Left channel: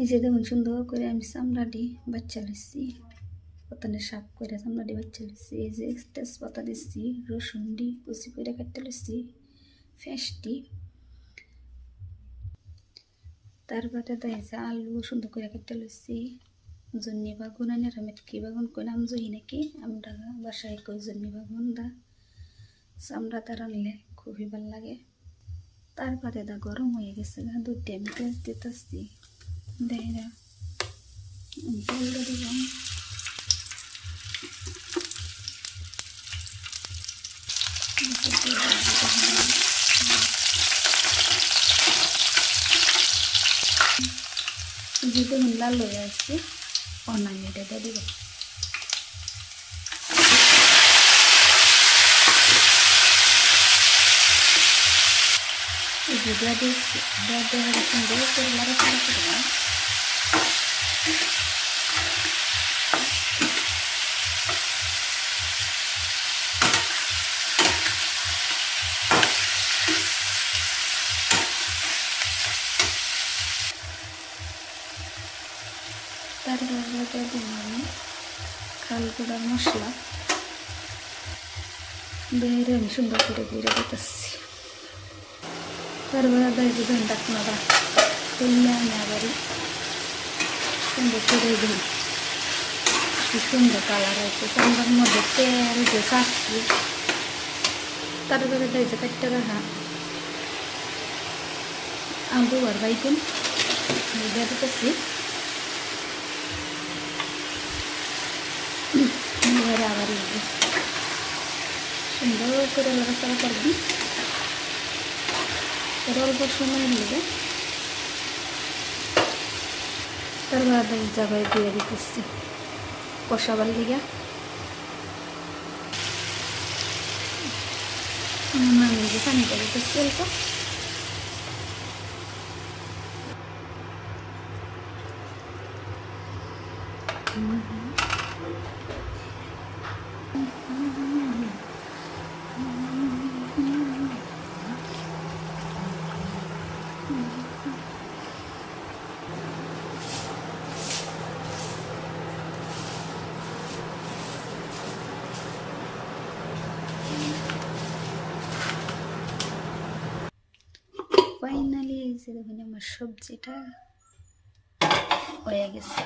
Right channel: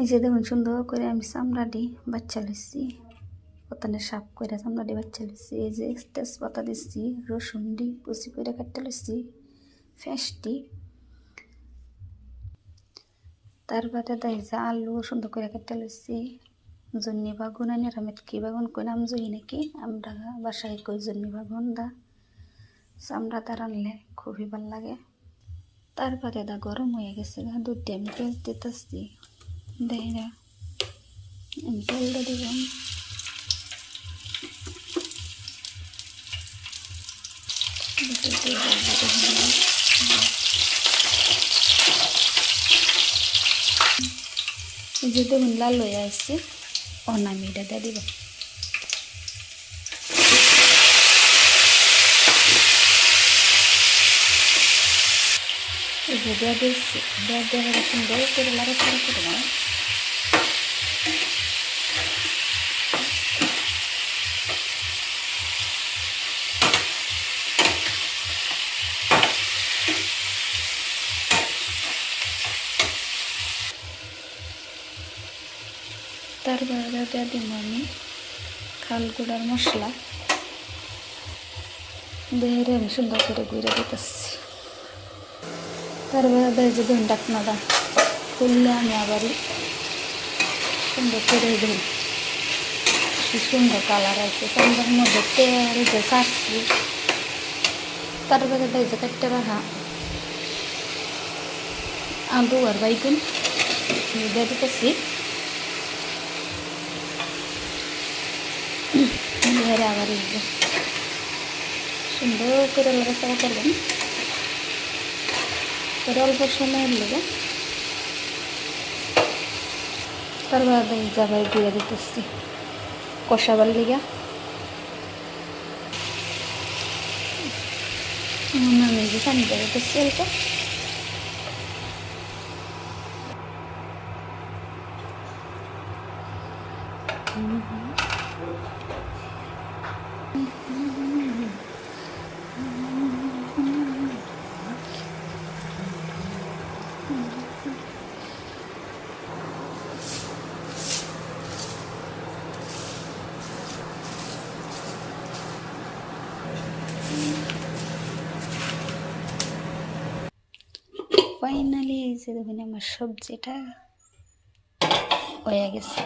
এই যে দেখুন সুন্দর করে আমি চামড়াটি বাচ্চা লিচ্ছি, প্রথমে সাফ করে চামড়াটি বাচ্চা লিচ্ছি। এই যে তেজপাতা দিচ্ছি, রসুনটি কুচি করে কাটতে লিচ্ছি, ফেঁসটি, তারপরে দেয় যে আলু সুন্দর করে কাটতে লিচ্ছি, জন্নি বাগুন আনি মেটকি বাগুন কই নাম জই নাকি আমরা বাসায় কই জন্নি বাগুন দা চামড়াটা রানলে খুবই ভালো লাগে। তারপরে দা গরম হয়ে গেছে, দুধটি আমি পেঁয়াজ দিতেছি, দেয় না আমি তেলটা দিলাম। যে দেখুন লাল হয়ে আসছে, অনামি এটা দিব। এই যে দেওয়া দিচ্ছি, দেওয়া সুন্দর করে লাড়াচাড়া করবো। তারপরে দিয়ে দিন আমি খাল গুঁড়ার মশলা বেড়ে আমি সুন্দর করে গুঁড়ে দিতেছি। তারপরে যে ধরুন ডাকনাটা খুললে আমি আবারই সুন্দর করে দিই। কি সুন্দর কালার আছে, চামড়ার মধ্যে তেল যে চাচ্ছি। তারপরে যে কাটতে রাখা আলু আর বাইগুন দিয়ে দিতেছি, আবার সুন্দর করে লড়াচড়া করবেন। পরে অল্প সময়ের লেগে তারপরে যাবার দিয়ে দিতেছি কষাবার লিগা। আমি যে পানি দিয়ে দিতেছি অল্প। ফাইনালি এই যে দেখুন আমার সবজিটা হয়ে গেছে।